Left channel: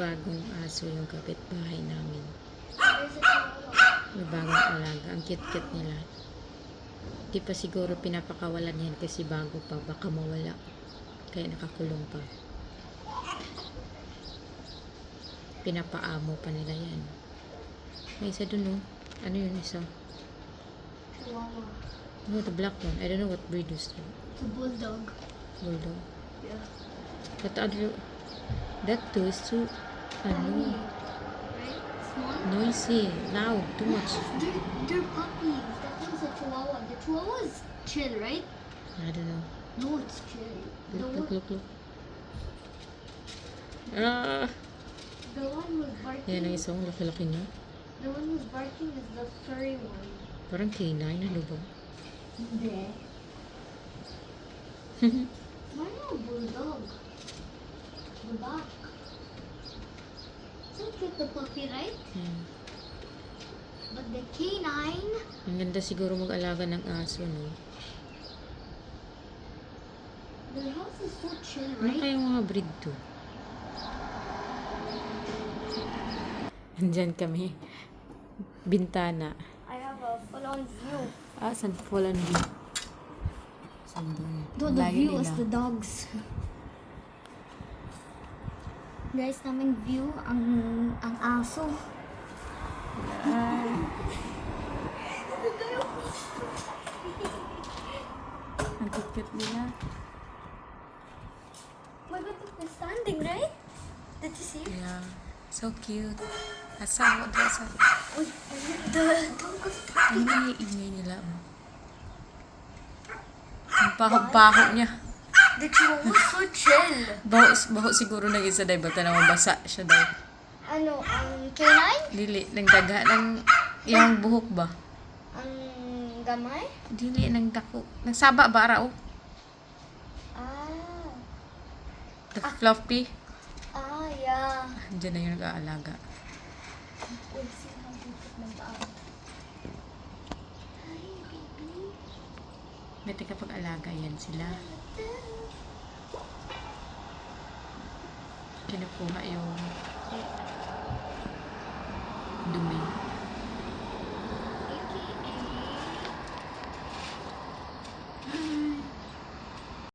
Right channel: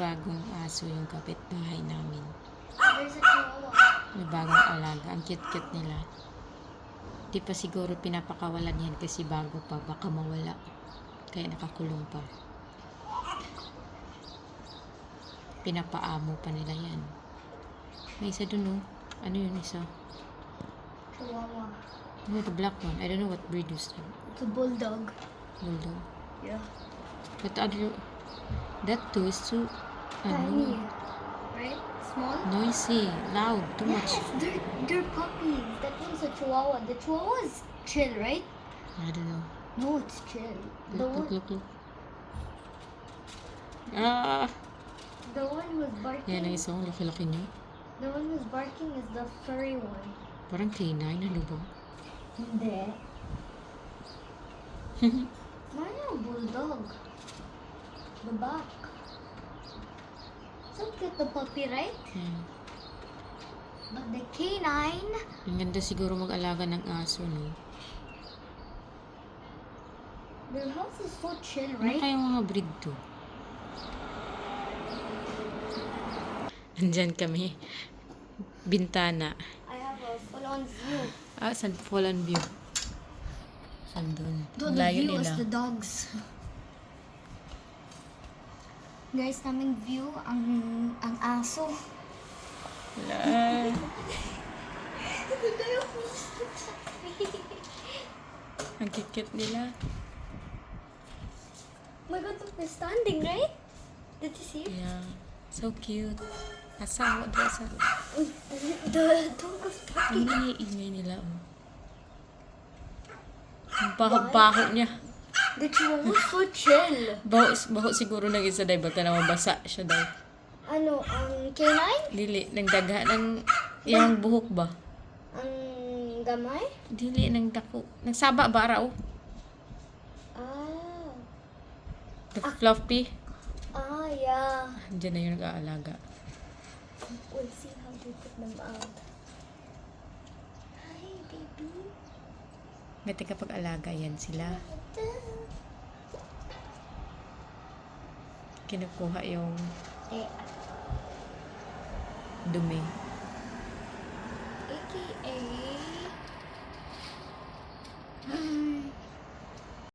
bagong aso yung kapitbahay namin. There's a chihuahua. May bagong alaga. Ang cute-cute nila. Di pa siguro pinapakawalan yan kasi bago pa. Baka mawala. Kaya nakakulong pa. Pinapaamo pa nila yan. May isa dun, oh. Ano yun isa? Chihuahua. No, the black one. I don't know what breed is that. It's a bulldog. Bulldog. Yeah. That too is too, Tiny. Right? Small? noisy, loud, too much. They're puppies. That one's a chihuahua. The chihuahua is chill, right? I don't know. No, it's chill. Look. Ah! The one who's barking. Yan ang isang laki-laki niya. The one who's barking is the furry one. Parang canine, ano ba? Hindi. Mario bulldog. The back. So cute the puppy, right? Yan. But the canine. Ang ganda siguro mag-alaga ng aso, no? Their house is so chill, Ano right? kaya mga breed to? Andyan kami. Bintana. I have a full-on view. Ah, saan full on view? Saan doon? The view is the dogs. Guys, naming view ang aso. Ang cute nila. Oh my God, look, they're standing, right? Did you see? Yeah. So cute. Asa, what asa? Oh, the dog was Ang ingay nila, oh. Ang baho niya. The chihuahua was so chill. Baho siguro ng isa dahil baka na mabasa siya dahil. Ano, canine? Dili, ng daga, ng iyang buhok ba? Ang gamay? Dili, ng dako. Nagsaba ba araw? Ah. The fluffy. Ah, yeah. Diyan na yung nag-aalaga. We'll see how they put them out. Hi, baby. Ngati kapag alaga yan sila. Kinukuha yung dumi.